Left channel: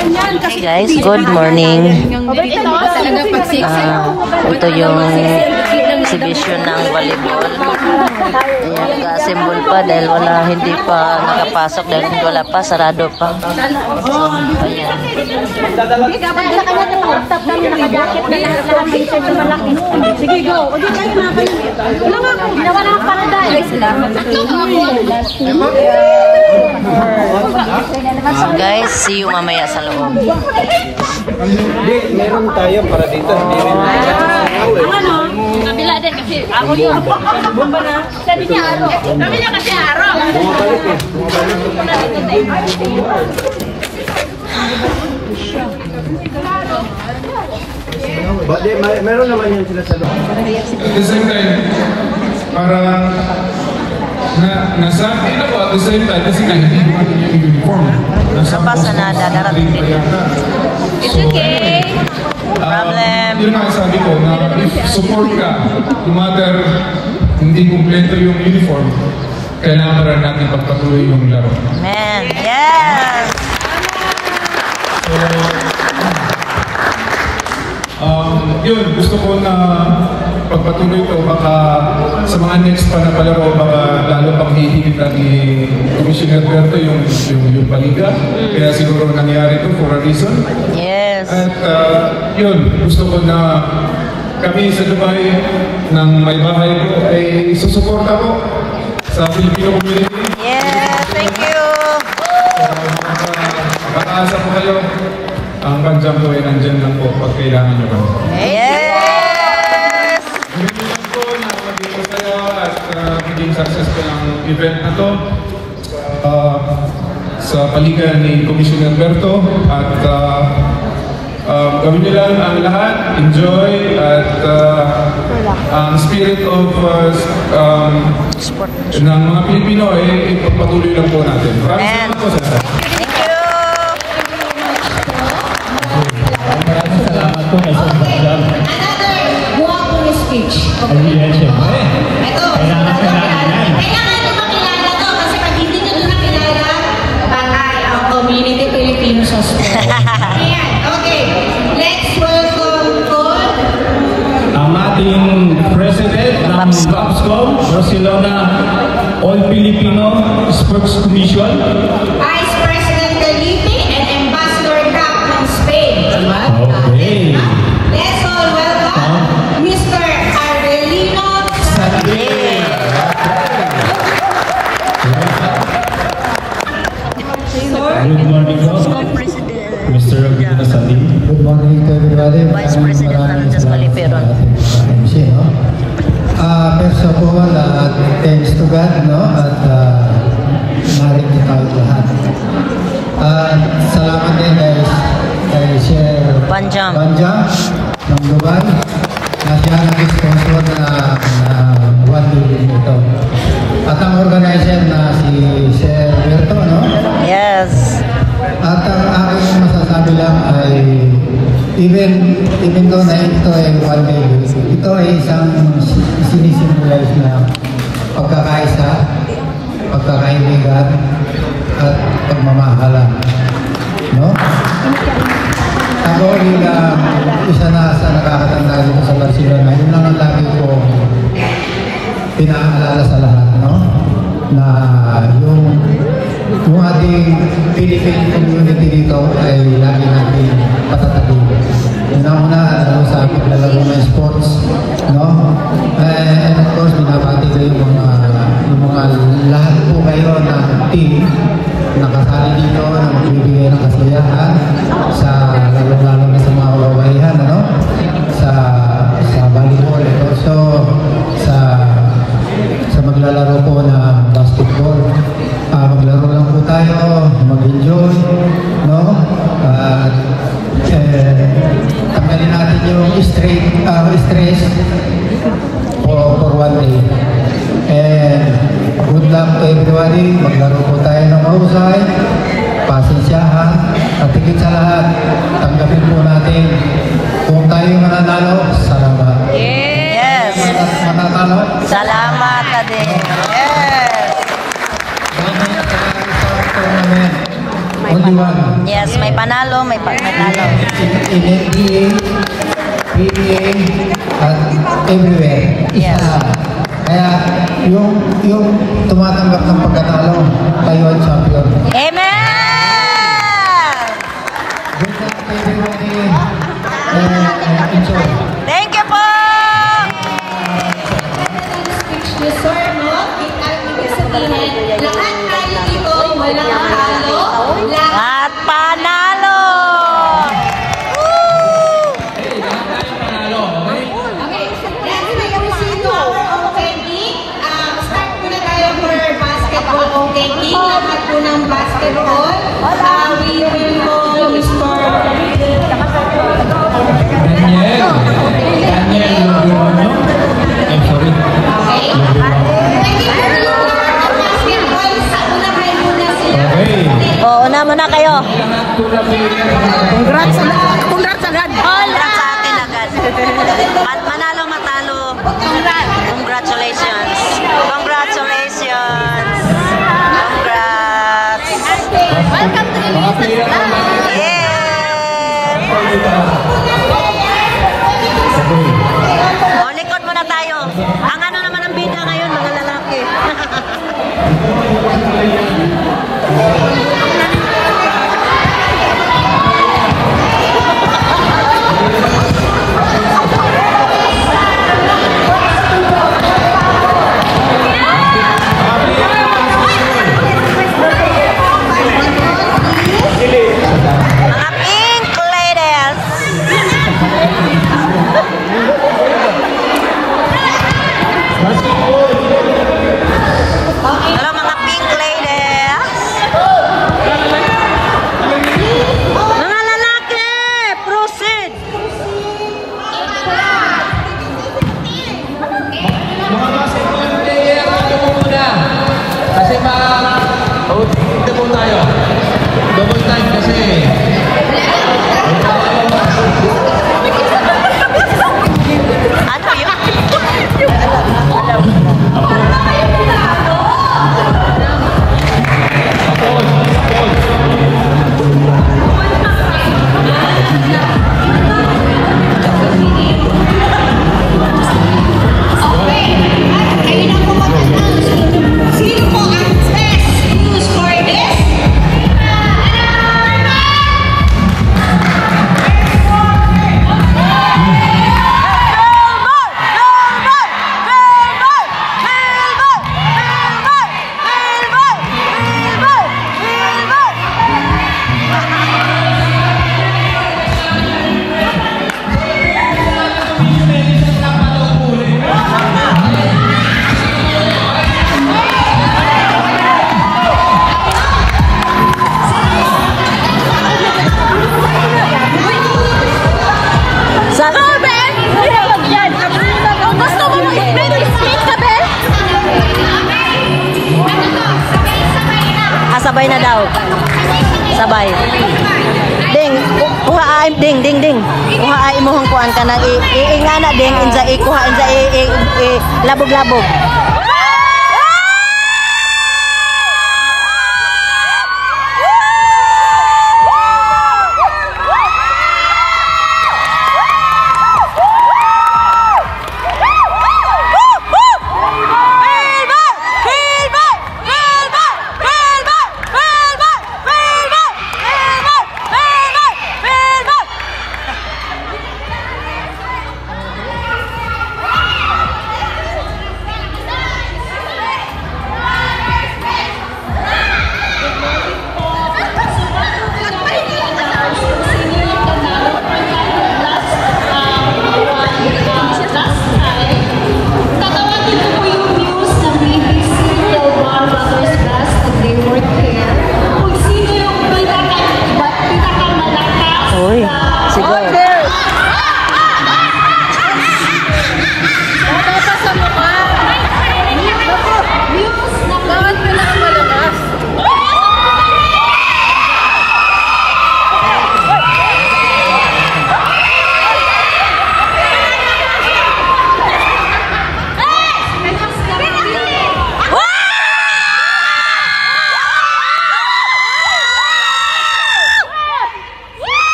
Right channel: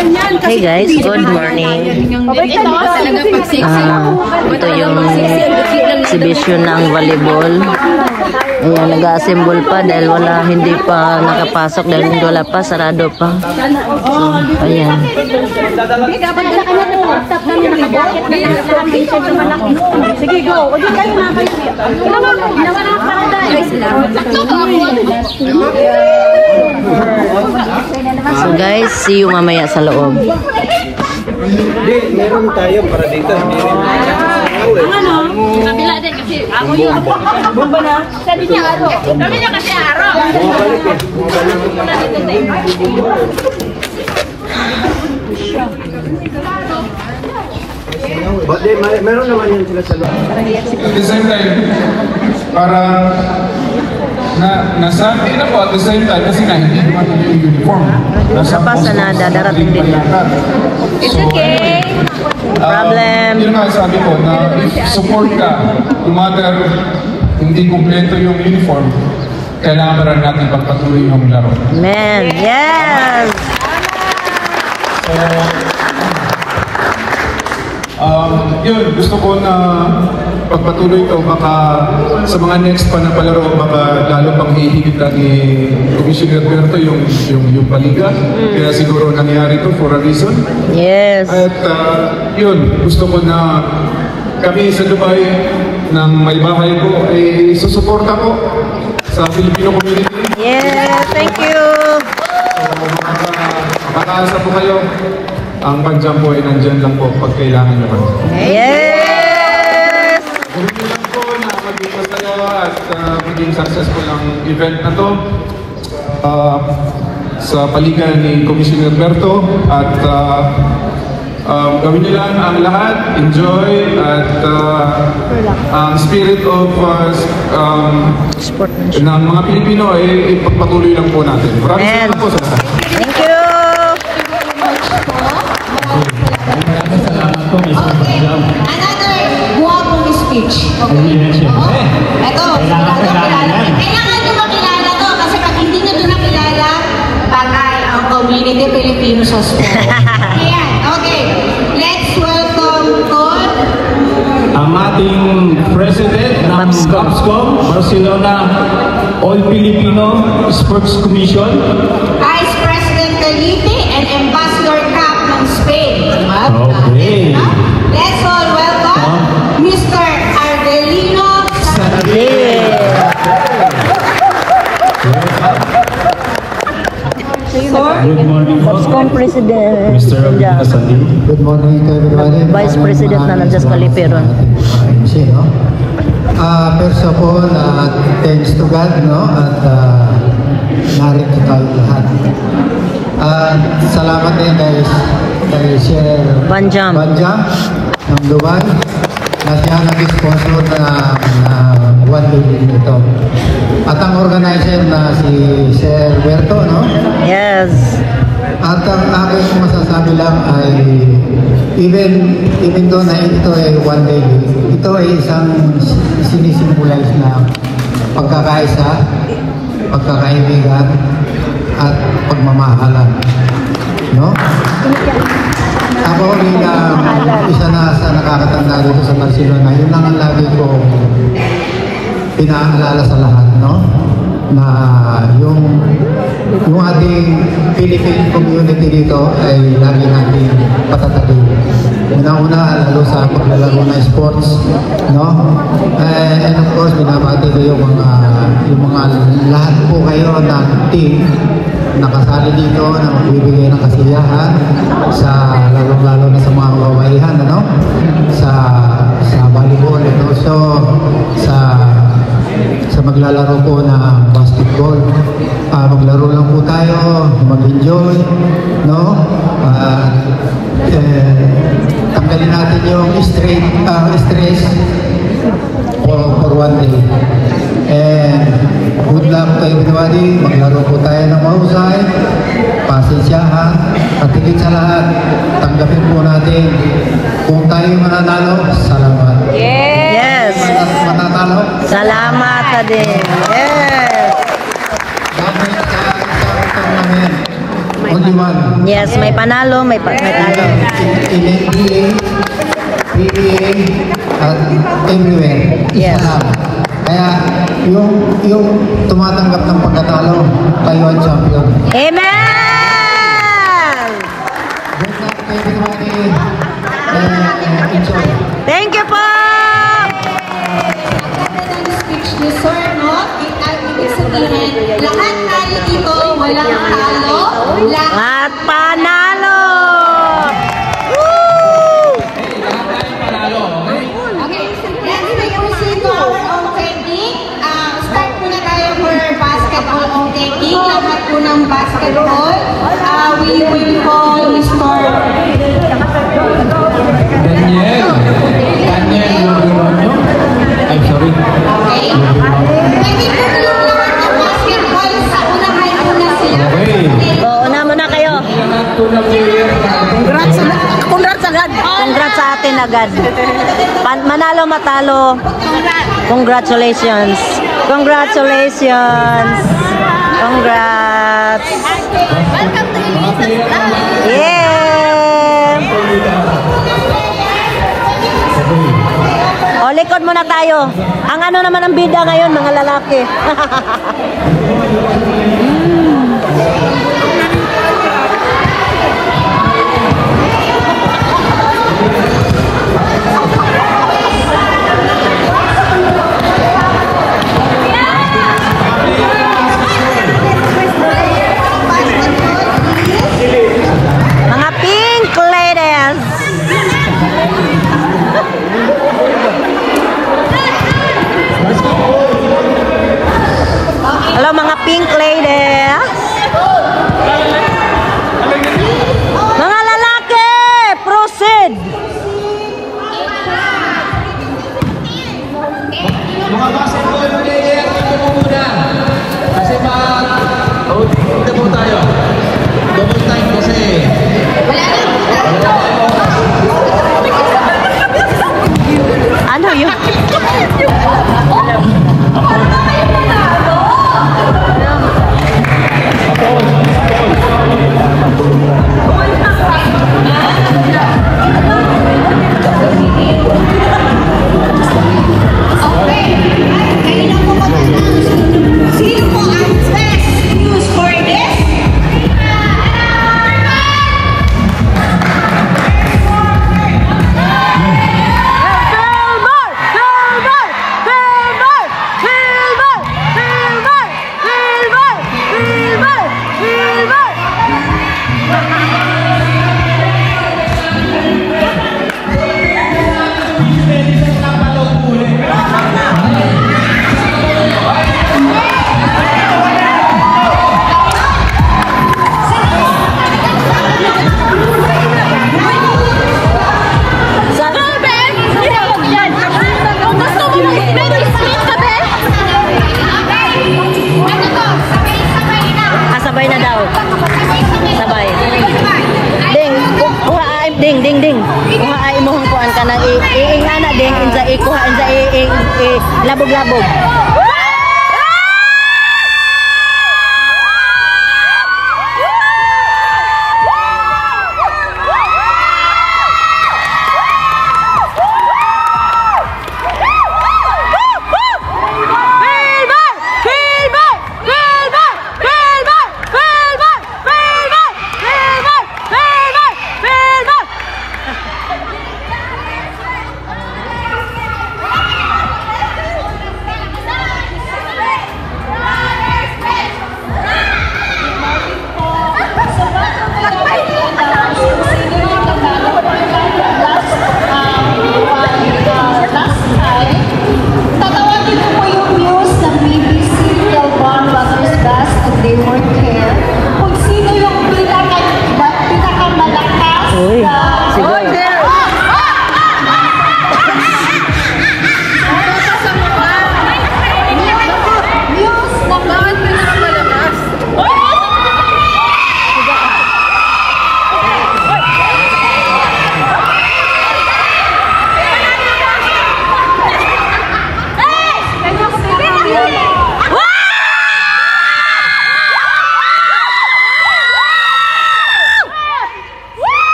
Hey guys, good morning. Ito yung exhibition ng volleyball. Ayan, nag-assemble pa dahil hindi pa nakapasok dahil wala pa, sarado pa. So, ayan. So guys, see you mamaya sa loob. Hindi, meron tayo para dito. Ano? Kabila din kasi ako yun. Bomba na. Sabi niya aro. Sabi niya kasi aro. Muna dito tayo. Meron naman yung sinasabi. At the same time, para nasabi na po at the same time kasi hindi naman yung uniform. Napasa na, dadarating din. So anyway, problem. Yun nga sabi ko na if support ka, no matter hindi kumpleto yung uniform, kailangan rin natin pagpatuloy yung laro. Man, yes! Yun, gusto ko na pagpatuloy ito, baka sa mga next pa na palaro, baka lalo pang hihigit natin ni Commissioner Berto yung paliga. Kaya siguro nangyari ito for a reason. Yes. At yun, gusto ko na kami sa Dubai ng may bahay ko ay susuporta ko sa Filipino community. Yeah, thank you! Makakaasa po kayo. Ang Panjam po ay nandyan lang po pag kailangan nyo kami. Yes! Ganun lang po na maging kayo at maging successful ang event na to sa paligan ni Commissioner Berto at gawin nyo lang ang lahat, enjoy at ang spirit of ng mga Pilipino ay ipagpatuloy lang po natin. Maraming salamat po sa lahat. Thank you! Another guwapong speech. Ito, kailangan nyo makilala to kasi pag hindi nyo nakilala, patay ang community Filipino sa sport. Ayan, okay. Let's welcome on Ang ating President ng BAPSCOM, Barcelona All Filipino Sports Commission, Vice President Felipe and Ambassador Cap ng Spain. Okay. Let's all welcome Mr. Arvelino Sarabia. Good morning po. BAPSCOM President. Mr. Arvelino Sarabia. Good morning to everybody. Vice President na nandiyan sa Kaliperon. First of all, thanks to God, no? At narito tayo lahat. Salamat din kay Sir Panjam ng Dubai na siya nag-sponsor na one day ito. At ang organizer na si Sir Berto, no? Yes. At ang aking masasabi lang ay even though na ito ay one day, ito ay isang sinisimbolize na pagkakaisa, pagkakaibigan at pagmamahalan, no? Ako bilang isa na sa nakakatanda dito sa Barcelona, yun lang ang lagi ko pinaalala sa lahat, no? Na yung ating Philippine community dito ay lagi natin patatagin. Una-una, lalo sa paglalaro ng sports, no? And of course, binabati ko yung mga lahat po kayo ng team na kasali dito na magbibigay ng kasiyahan sa lalo-lalo na sa mga kababaihan, ano? Sa volleyball, ito. So, sa maglalaro po na basketball, maglaro lang po tayo, mag-enjoy, no? Tanggalin natin yung stress for one day. And good luck to everybody. Maglaro po tayo ng mahusay, pasensyahan, at higit sa lahat, tanggapin po natin kung tayo mananalo, salamat. Yes. Mananalo, Salamat din. Yes. salamat sa tournament. only one. Yes, may panalo, may talo. In NBA, PBA, at everywhere. Isa Yes. lang. Kaya yung tumatanggap ng pagkatalo, kayo ang champion. Amen! Good luck to everybody. Enjoy. Thank you po! Speech ni Sir, no? At ibig sabihin, lahat tayo dito, walang talo, lahat At panalo! Okay, let's proceed to our own taking. Start muna tayo for basketball own taking. Lahat po ng basketball. We will call Mr. Daniel, I'm sorry. Okay. Pwede po yung lahat ng basketball sa unahan muna sila. Okay. Una muna kayo. Congrats agad. Congrats sa atin agad. Manalo, matalo. Congratulations. Congratulations. Congrats. Welcome to Elisa's Vlog. Yeah. O, likod muna tayo. Ang ano naman ang bida ngayon, mga lalaki. Mga pink ladies. Hello mga pink ladies.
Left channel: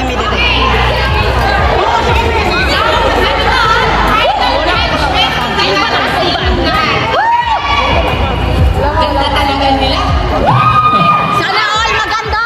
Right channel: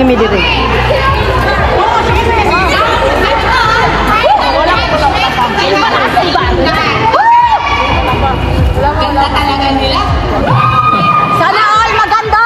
ngimi diri. Ganda talaga nila. Sana all maganda.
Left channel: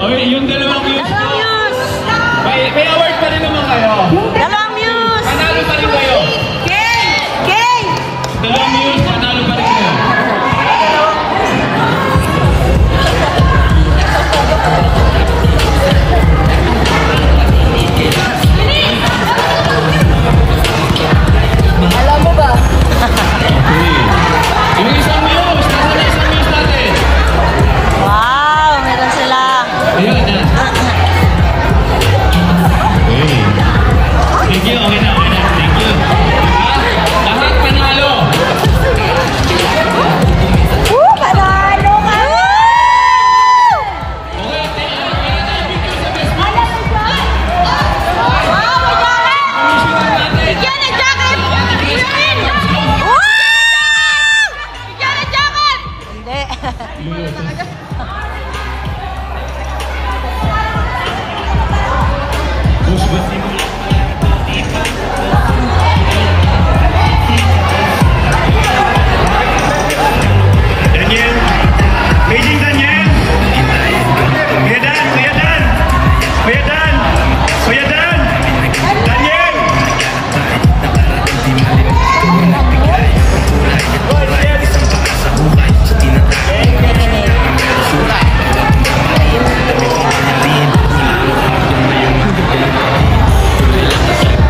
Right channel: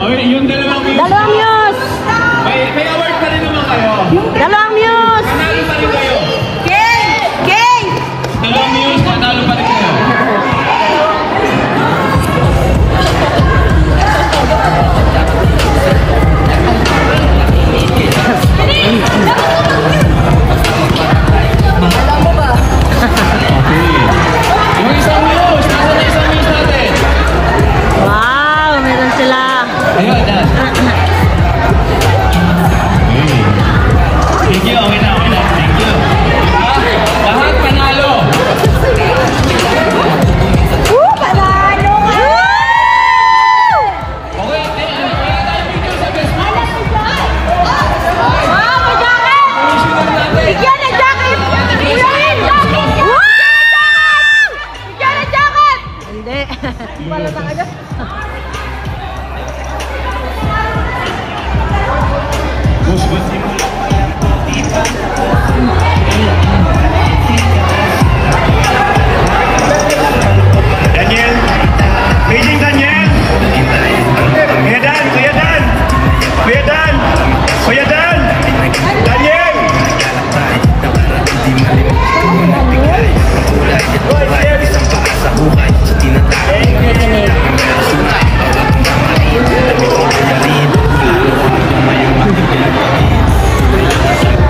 Okay, yung dalawang views. Dalawang news. May award pa rin naman kayo. Dalawang news. Nanalo pa rin kayo. Dalawang news, nanalo pa rin kayo. Yung isang news, nasa na isang news natin. Wow, meron sila. Ayun, yan. Thank you, okay na. Thank you. Lahat panalo. Daniel, Beijing Daniel, Kuya Dan, Kuya Dan, Kuya Dan, Kuya Dan, Daniel.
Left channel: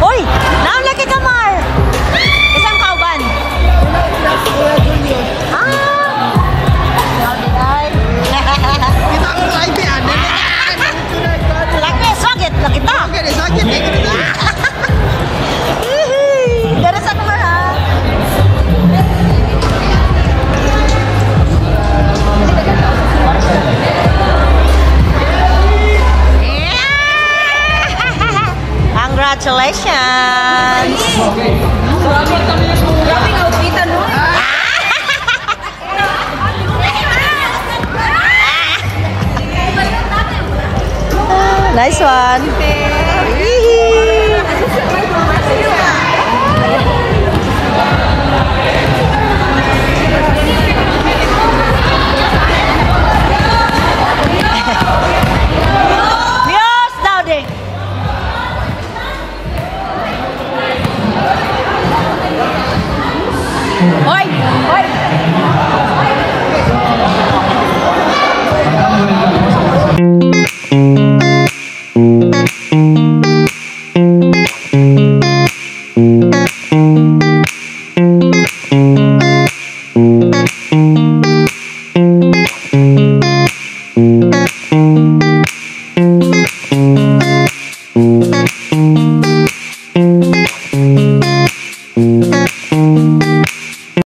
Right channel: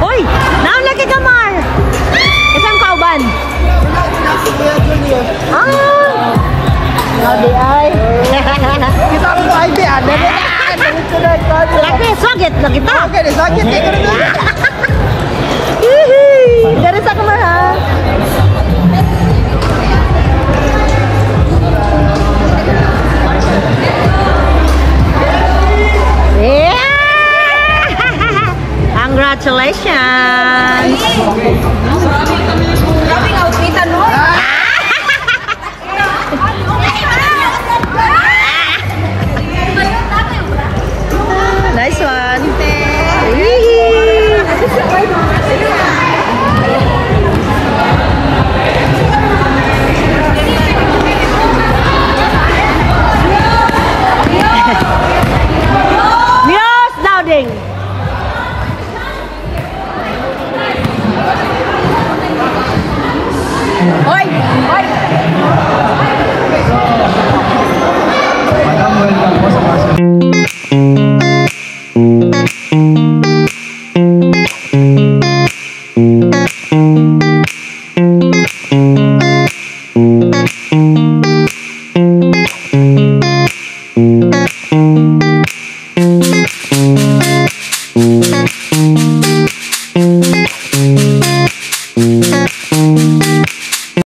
Hoy, naon lagi ka, Mar? Isang kauban. Now di ay. Kita mo sa ID, ano? Lagi, sakit lagi ta. Sakit. Dari sa kamar, ha? Yeah! Congratulations!